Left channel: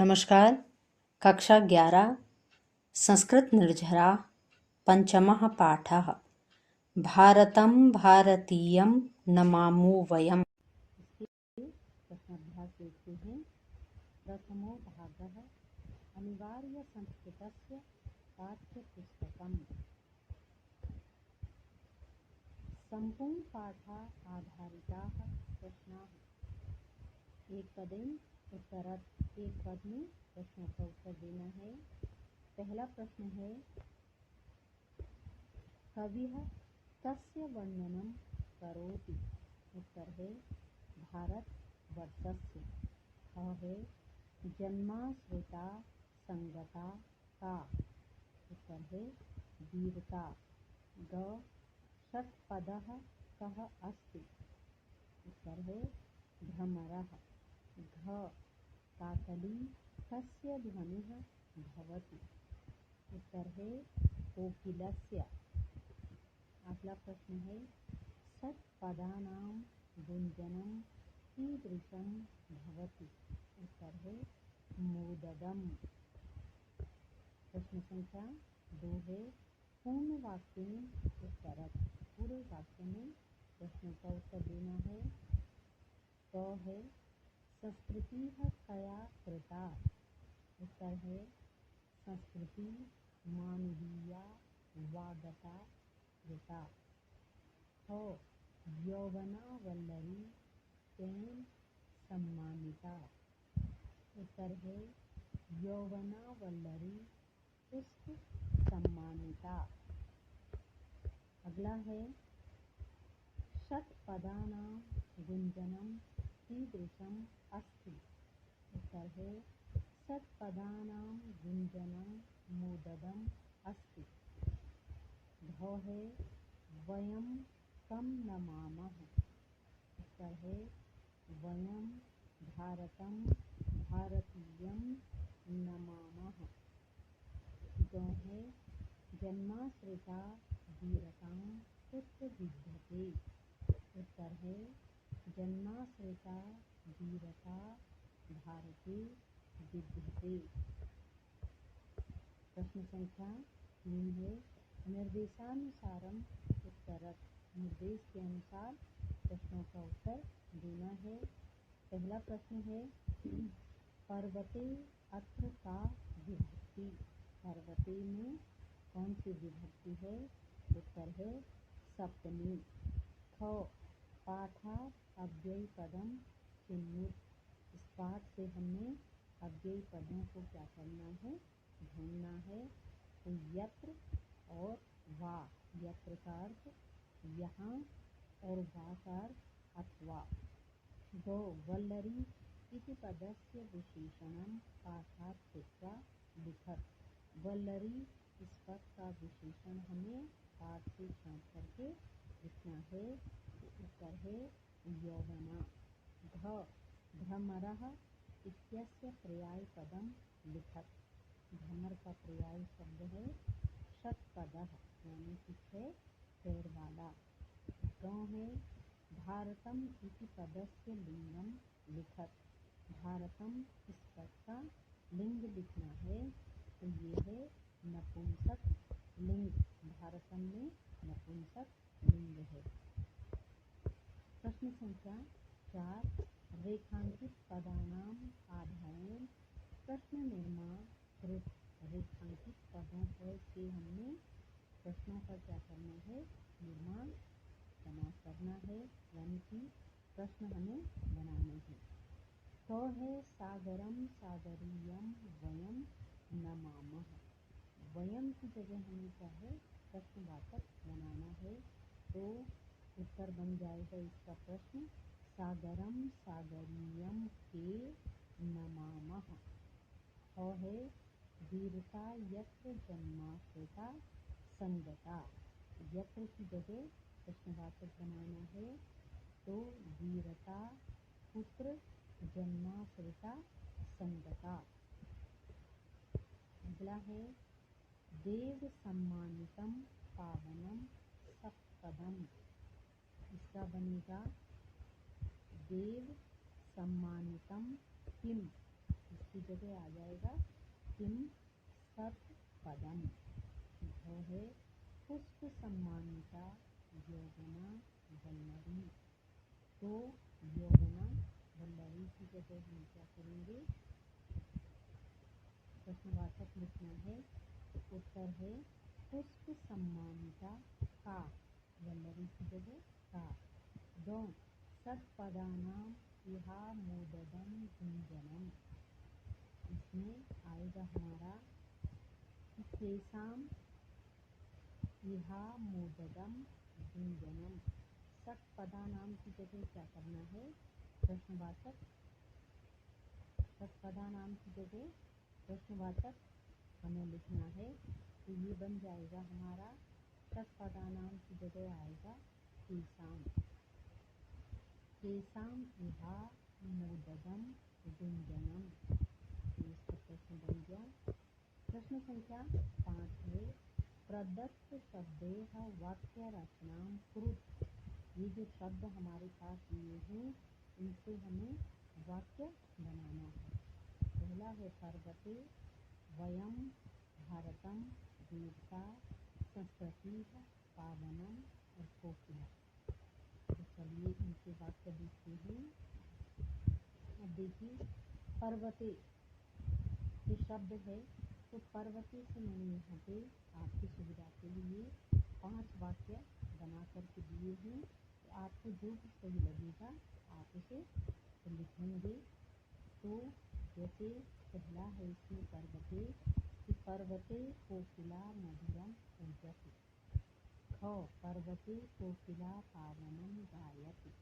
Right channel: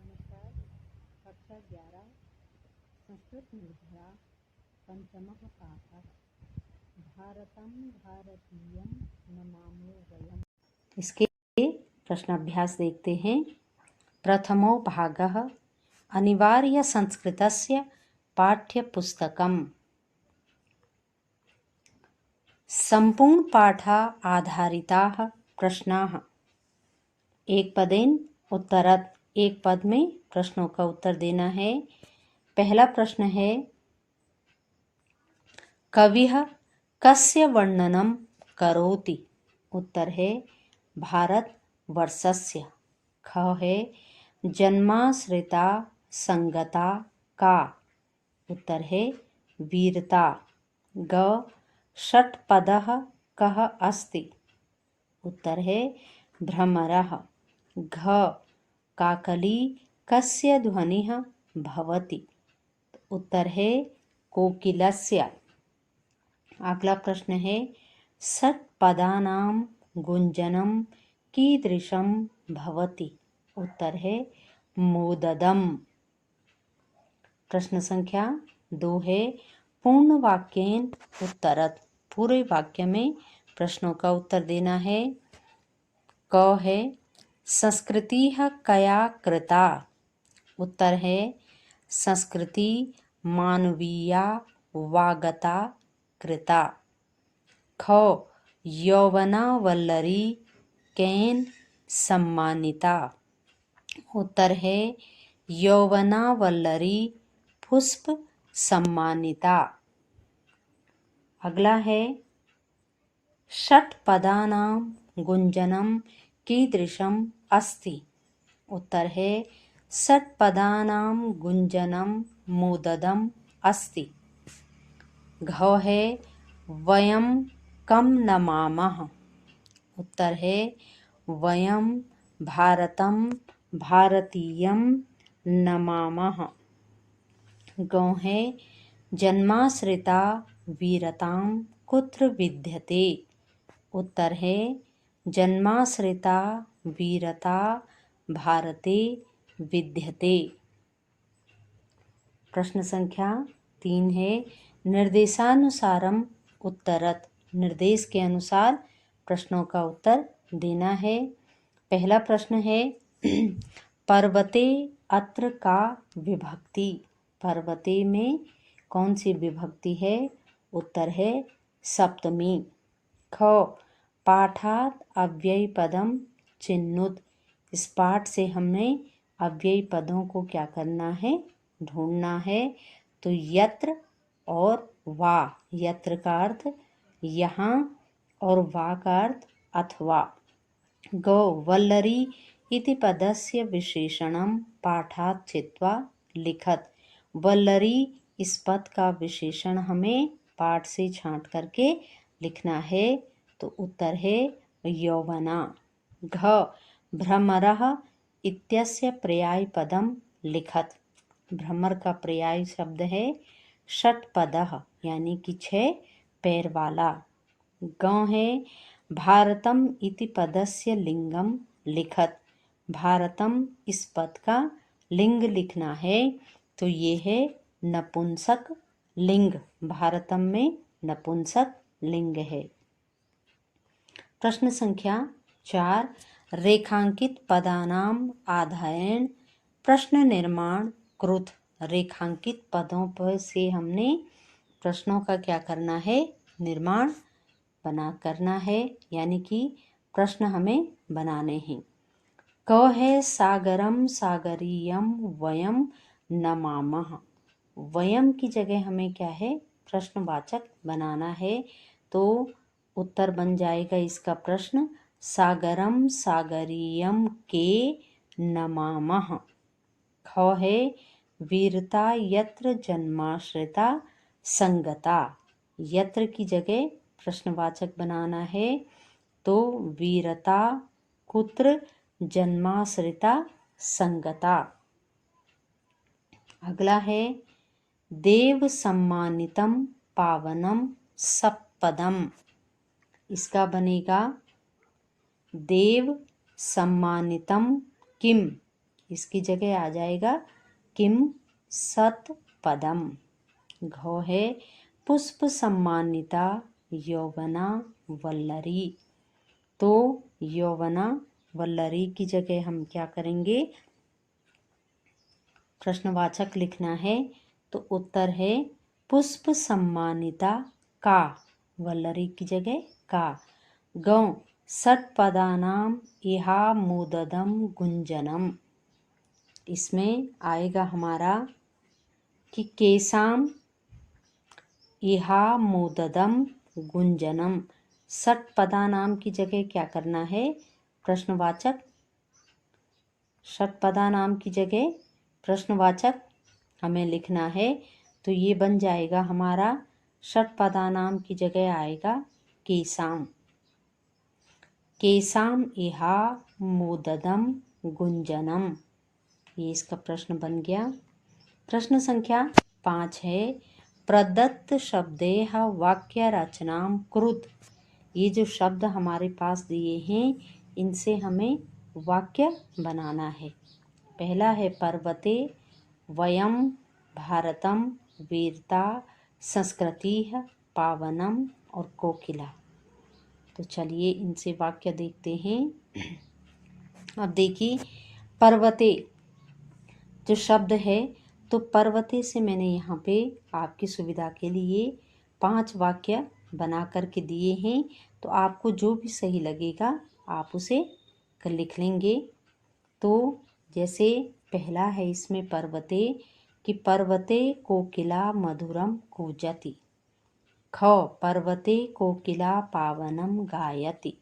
नमस्कार। कक्षा 11 संस्कृत निर्झरा पंचमः पाठः भारतं भारतीयं नमामो वयम्। इसके प्रश्नाभ्यास देखते हैं। प्रथमो भागः अनिवार्य संस्कृतस्य पाठ्यपुस्तकम्। संपूर्ण पाठा आधारिताः प्रश्नाः एक पदेन उत्तरत्। एक पद में प्रश्नों का उत्तर देना है। पहला प्रश्न है कविः कस्य वर्णनं करोति। उत्तर है भारतवर्षस्य। ख है जन्माश्रिता संगता का। उत्तर है वीरता। ग षट्पदः कः अस्ति। उत्तर है भ्रमरः। घ काकली कस्य ध्वनिः भवति। उत्तर है कोकिलस्य। अगला प्रश्न है षट्पदानां गुंजनं कीदृशं भवति। उत्तर है मोददम्। प्रश्न संख्या 2 है पूर्ण वाक्येन उत्तरत्। पूरे वाक्य में प्रश्नों का उत्तर देना है। क है संस्कृतिः कया कृता। उत्तर है संस्कृति मानवीया वागता कृता। ख यौवनावल्लरी केन सम्मानिता। उत्तर है यौवनावल्लरी पुष्प सम्मानिता। अगला है षट्पदानां गुंजनं कीदृशम् अस्ति। उत्तर है षट्पदानां गुंजनं मोददम् अस्ति। घ है वयं कं नमामः। उत्तर है वयं भारतं भारतीयं नमामः। गौ है जन्माश्रिता वीरतां कुत्र विद्यते। उत्तर है जन्माश्रिता वीरता भारते विद्यते। प्रश्न संख्या 3 है निर्देशानुसारम उत्तरत्। निर्देश के अनुसार प्रश्नों का उत्तर देना है। पहला प्रश्न है पर्वते अत्र का विभक्ति। पर्वते में कौन सी विभक्ति है। उत्तर है सप्तमी। ख पाठात अव्ययी पदम चिन्नुत। इस पाठ से हमने अव्ययी पदों को क्या करना है, ढूंढना है। तो यत्र और वा। यत्र का अर्थ यहाँ और वा का अर्थ अथवा। गो वल्लरी इति पदस्य विशेषणम पाठात चित्वा लिखत। वल्लरी इस पद का विशेषण हमें पाठ से छांट करके लिखना है। तो उत्तर है यौवना। घ भ्रमरः इत्यस्य पर्याय पदम लिखत। भ्रमर का पर्याय शब्द है षट्पदः यानी कि 6 पैर वाला। ग है भारतम इति पदस्य लिंगम लिखत। भारतम इस पद का लिंग लिखना है। तो ये है नपुंसक लिंग। भारतम में नपुंसक लिंग है। प्रश्न संख्या 4 रेखांकित पदानां आधारेण प्रश्न निर्माण कृत। रेखांकित पदों पर से हमने प्रश्नों का क्या करना है, निर्माण करना है, यानी कि प्रश्न हमें बनाने हैं। क है सागरम सागरीयम वयम नमामः। वयम की जगह हमें क्या है, प्रश्नवाचक बनाना है। तो उत्तर बन जाएगा इसका प्रश्न सागरम सागरीयम के नमामः। ख है वीरता यत्र जन्माश्रिता संगता। यत्र की जगह प्रश्नवाचक बनाना है। तो वीरता कुत्र जन्माश्रिता संगता। अगला है देव सम्मानितम पावनम सप्पदम। इसका बनेगा देव सम्मानितम किम इसकी जगह आ जाएगा किम सत पदम। घो है पुष्प सम्मानिता यौवना वल्लरी। तो यौवना वल्लरी की जगह हम क्या करेंगे, प्रश्नवाचक लिखना है। तो उत्तर है पुष्प सम्मानिता का, वल्लरी की जगह का। गौ षट्पदानाम इहा मुददम गुंजनम। इसमें आएगा हमारा कि केसाम इहा मुददम गुंजनम। षट्पदानाम की जगह क्या करना है, प्रश्नवाचक। षट्पदानाम की जगह प्रश्नवाचक हमें लिखना है। तो ये बन जाएगा हमारा षट्पदानाम की जगह आएगा केसाम। केसाम इहा मुददम गुंजनम। ये इसका प्रश्न बन गया। प्रश्न संख्या 5 है प्रदत्त शब्देह वाक्य रचनाम कुरुत। ये जो शब्द हमारे पास दिए हैं इनसे हमें वाक्य बनाना है। पहला है पर्वते, वयम, भारतम, वीरता, संस्कृति, पावनम और कोकिला। तो चलिए इनसे वाक्य देखते हैं। अब देखिए पर्वते जो शब्द है, तो पर्वते से मैंने यहाँ पे आपकी सुविधा के लिए 5 वाक्य बना करके दिए हैं। तो आपको जो भी सही लगेगा आप उसे लिख लेंगे। तो जैसे पहला है इसमें पर्वते कि पर्वते कोकिला मधुरम कूजति। ख पर्वते कोकिला पावनम गायति।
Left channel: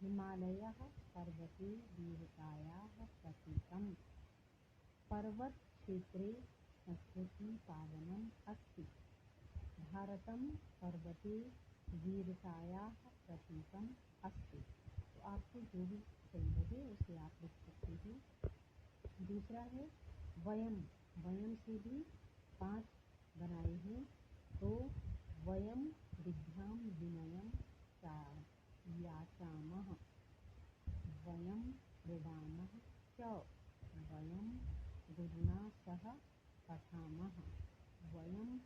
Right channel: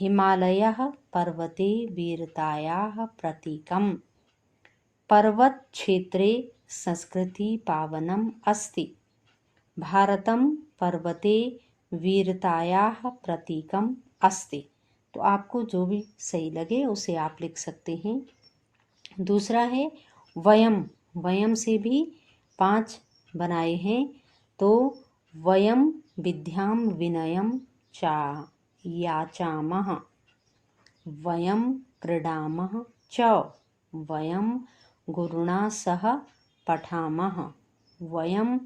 हिमालयः पर्वते वीरतायाः प्रतीकम्। पर्वत क्षेत्रे संस्कृति पावनम अस्ति। भारतम पर्वते वीरतायाः प्रतीकम् अस्ति। तो आपको जो भी सही लगे उसे आप लिख सकते हैं। दूसरा है वयम। वयम से भी 5 बनाए हैं। तो वयम विद्याम विनयम चा याचामः। वयम क्रीडामः च। वयम गुरुणा सह पठामः। वयम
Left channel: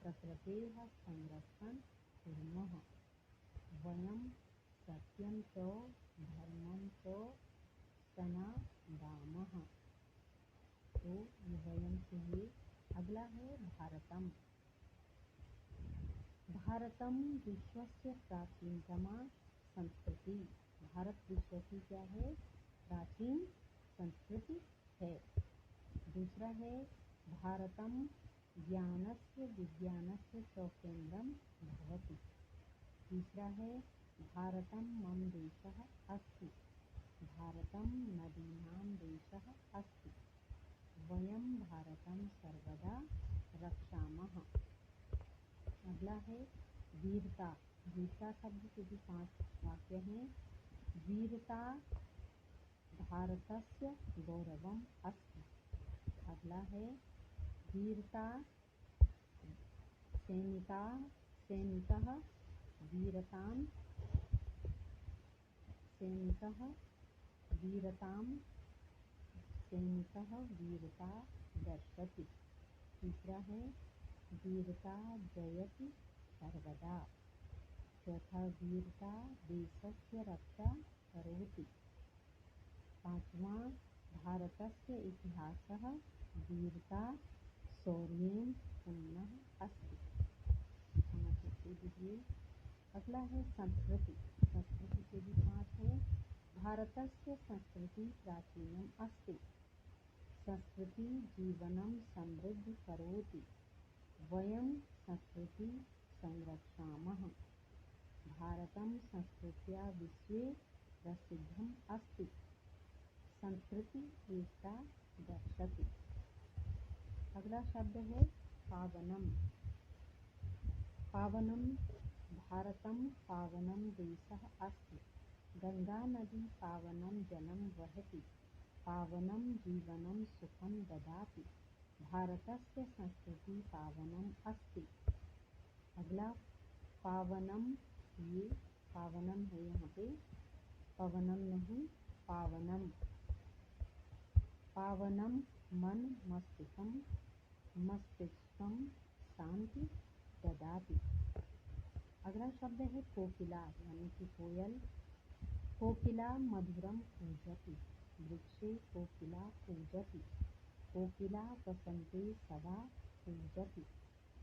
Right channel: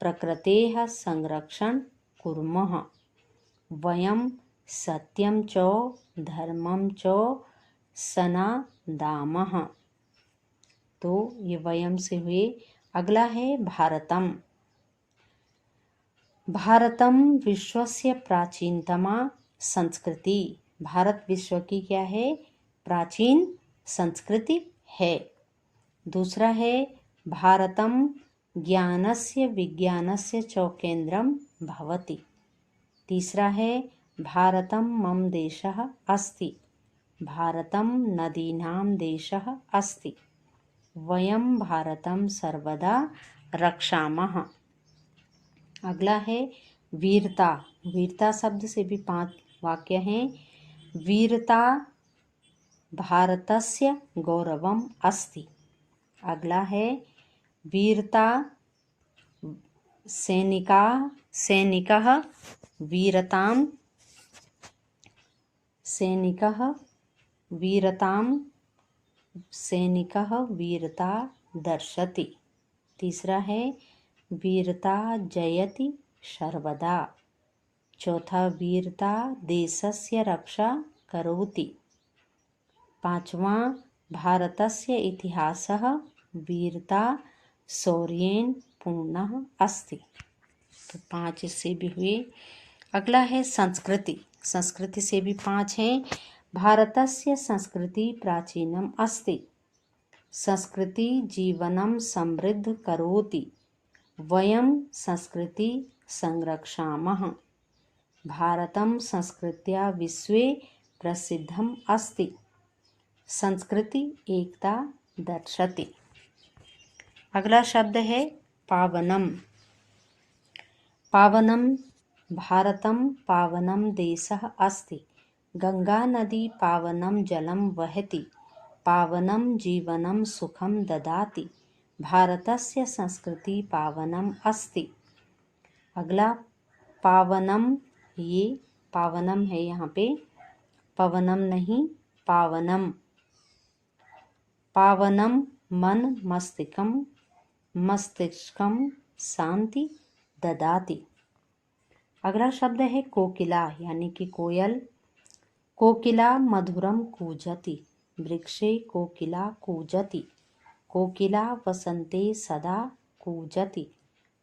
प्रकृतेः संरक्षण कुर्मः। वयम सत्यम च धर्मम च सनादामः। तो ये वयम से हुए। अगला है भारतम। भारतम विश्वस्य प्राचीनतमा संस्कृति। भारत विश्व की क्या है, प्राचीन संस्कृति है। दूसरा है भारतम ज्ञानस्य विज्ञानस्य च केंद्रम भवति। तीसरा है भारतम मम देशः अस्ति। भारतम नदीनां देशः अस्ति। वयम भारतम सर्वदा रक्षामः। अगला है वीरता। वीरता शब्द से भी 5 वाक्य हैं। वीरता भारतस्य गौरवम अस्ति। अगला है वीरता सैनिकः वीरतां सैनिकः वीरता दर्शति। तीसरा है वीरता जयति सर्वदा। चौथा वीरता देशस्य रक्षा करोति। पांचवा भारतस्य इतिहासः वीरता शौर्येण पूर्णः अस्ति। तो 5 इससे भी हुए। अगला है संस्कृति। संस्कृति से भी 5 हैं। भारतस्य संस्कृति प्राचीनम अस्ति। संस्कृति जीवनम समृद्ध करोति। वयम संस्कृति संरक्षामः। भारतम संस्कृत्या विश्वे प्रसिद्धम अस्ति। संस्कृति एकता दर्शति। अगला शब्द है पावनम। पावनम भारतम पावनम देशः अस्ति। गंगा नदी पावनम जलम वहति। पावनम जीवनम सुखम ददाति। भारतस्य संस्कृति पावनम अस्ति। अगला पावनम, ये पावनम है यहाँ पे, पवनम नहीं पावनम। पावनम मन मस्तिष्कम शांति ददाति। अगला शब्द है कोकिला यानी कि कोयल। कोकिला मधुरम कूजति, वृक्षे कोकिला कूजति। कोकिला वसन्ते सदा कूजति,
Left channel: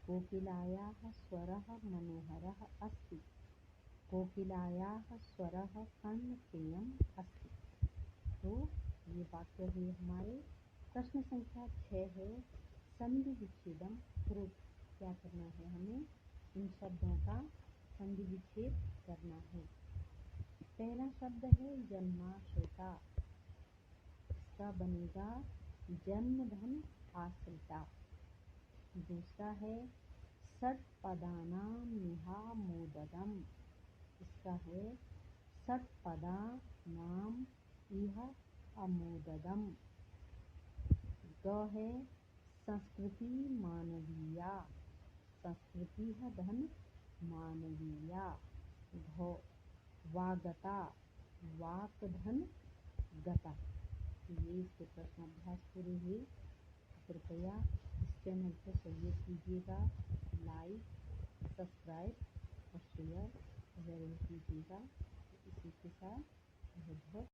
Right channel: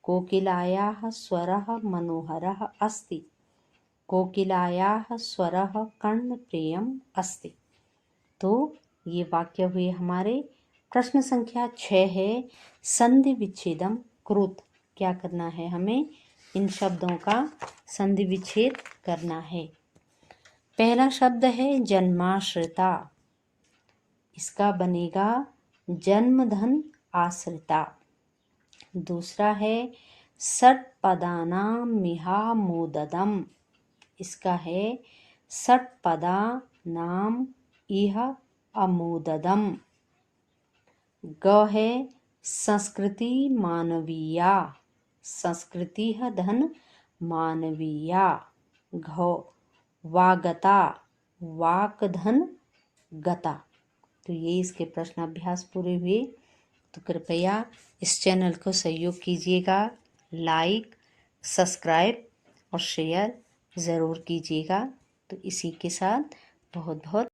कोकिलायाः स्वरः मनोहरः अस्ति, कोकिलायाः स्वरः कर्णप्रियम अस्ति। तो ये वाक्य हुए हमारे। प्रश्न संख्या 6 है संधि विच्छेदम कृत। क्या करना है हमें? इन शब्दों का संधि विच्छेद करना है। पहला शब्द है जन्माश्रिता, इसका बनेगा जन्मधन आश्रिता। दूसरा है षट्पदानां मिहामोददम, इसका है षट्पदानां इह अमोददम। ग है संस्कृति मानवीया, संस्कृतिः धन मानवीया। घ वागता, वाक धन गता। तो ये इसके प्रश्न अभ्यास पूरे हुए। तो कृपया इस चैनल को सहयोग कीजिएगा, लाइक, सब्सक्राइब और शेयर ज़रूर कीजिएगा। तो इसी के साथ बहुत बहुत